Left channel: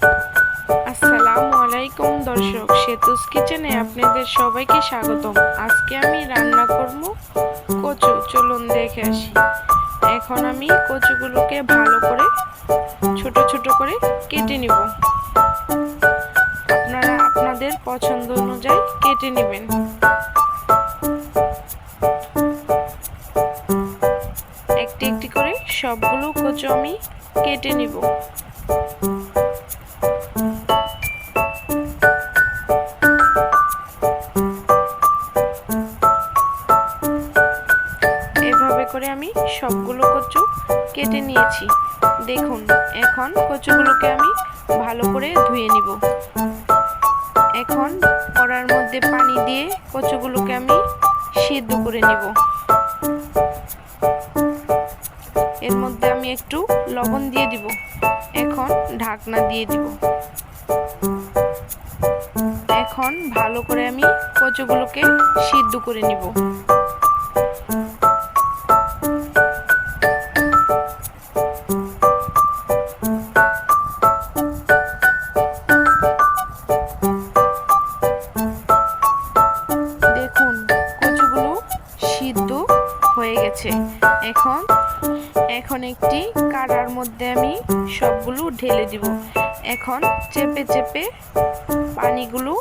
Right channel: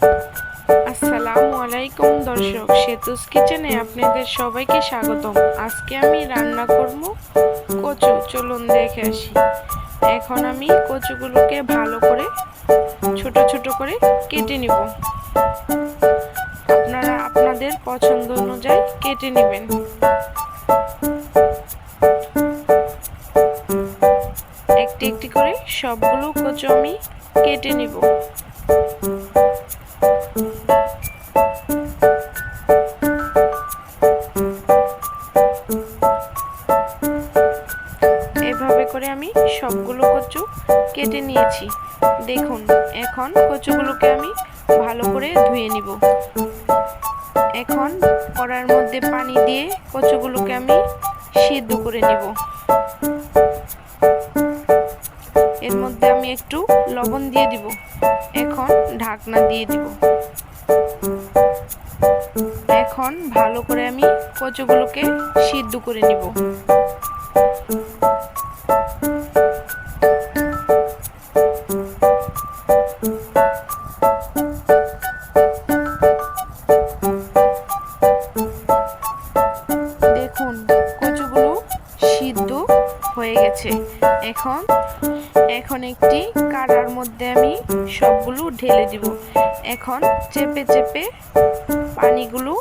আসসালামু আলাইকুম দর্শক, সেতুস কিচেনে আপনাদের সবাইকে স্বাগতম। আজকে আমি রান্না করব কচু। চলুন দেখে আসি। এখন আমি কচুগুলোকে ভালো করে ছোট ছোট করে কেটে নিব। আপনারা আপনাদের পছন্দ অনুযায়ী কেটে নেবেন। একটি একটি করে সবগুলো কচু আমি কেটে নিব। এভাবে করে আমি সবগুলো কচু কেটে নিয়েছি। দেখুন, এখন কচুগুলোকে আমি ভালো করে ধুয়ে নিব। এখন কড়াইয়ের মধ্যে পানি দিয়ে কচুগুলোকে আমি সিদ্ধ করে নিব। এর মধ্যে আমি একটু লবণ দিয়ে দিব। এখন ঢাকনা দিয়ে দিব। এখন ভালো করে আমি কচুগুলোকে সিদ্ধ করে নিব। দেখুন, কচুগুলো সিদ্ধ হয়ে গেছে। এখন একটি কাড়ার মধ্যে আমি সবগুলো ঢেলে দিব। এখন চেপে চেপে পানিগুলো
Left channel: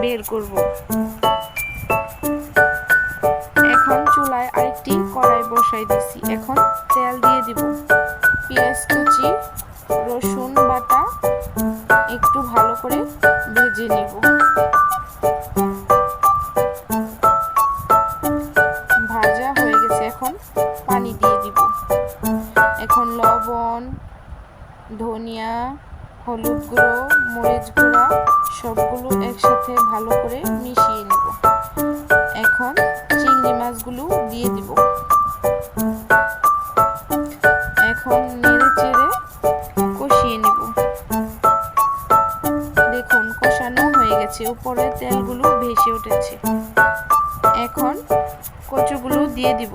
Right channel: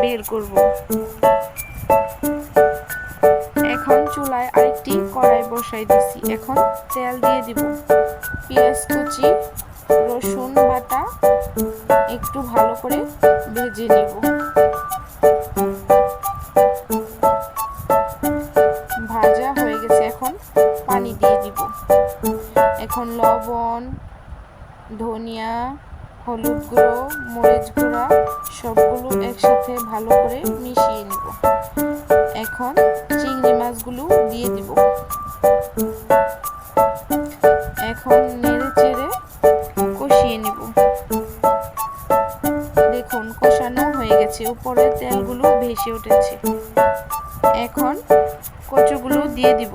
বের করব। এখন চুলায় আরেকটি কড়াই বসাই দিছি। এখন তেল দিয়ে দিব। পেঁয়াজ কুচি, রসুন বাটা একটু ভালো করে ভেজে নিব। ভাজা হয়ে গেছে। এখন পানি দিয়ে দিব। এখন লবণ, ধনিয়া, হলুদ গুঁড়ো, মরিচ গুঁড়া সবগুলো একসাথে ভালো করে মিশিয়ে নিব। এখন চিংড়ি মাছগুলো দিয়ে দিব। এখন নেড়ে চেড়ে কষিয়ে নিব। দেখুন, কষানো হয়ে গেছে। উপরে তেলগুলো ভেসে উঠেছে। এখন কচুগুলো দিয়ে দিব।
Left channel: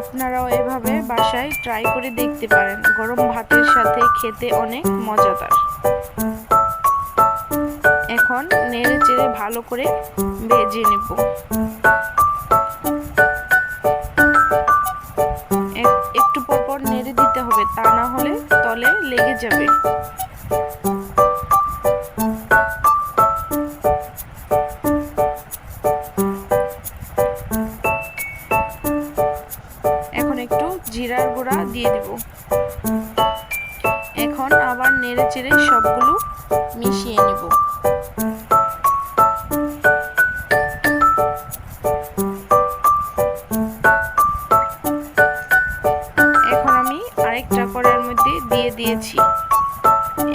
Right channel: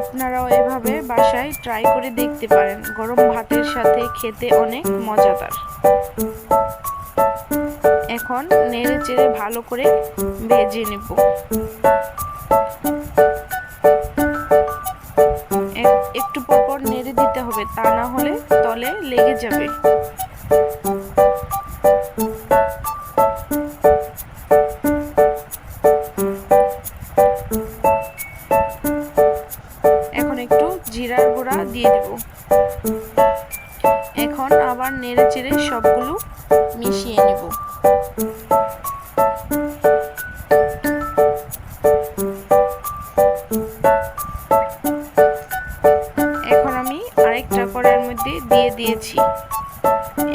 আপনারাও এভাবে বাসায় ট্রাই করে দেখতে পারেন। গরম ভাতের সাথে খেতে অনেক মজাদার। এখন নেড়ে চেড়ে ভালো করে ভেজে নেব। একটু পরপর নেড়ে দিতে হবে, তা না হলে তলে লেগে যাবে। এখন একটু জিরার গুঁড়া দিয়ে দিব। এখন আবার নেড়ে চেড়ে সবগুলো মিশিয়ে নিব। এখন আমি আরেকটা কড়াইয়ের মধ্যে দিয়ে দিয়েছি।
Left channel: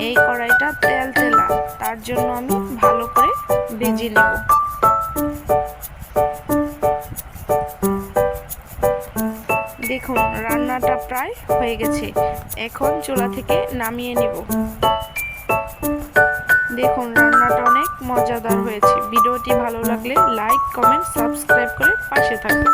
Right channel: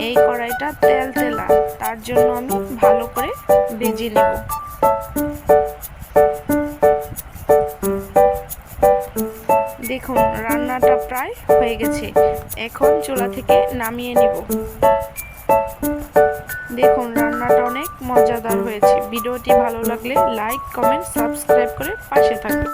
এই কড়াইটা তেল তেলা, তার জন্য আমি ভালো করে ভেজে নেব। দেখুন, রান্নাটা প্রায় হয়ে গেছে। এখন চুলা থেকে নামিয়ে নিব। দেখুন, রান্নাটা অনেক মজাদার হয়েছে। ভিডিওটি ভালো লাগলে লাইক, কমেন্ট, সাবস্ক্রাইব করে পাশে থাকবেন।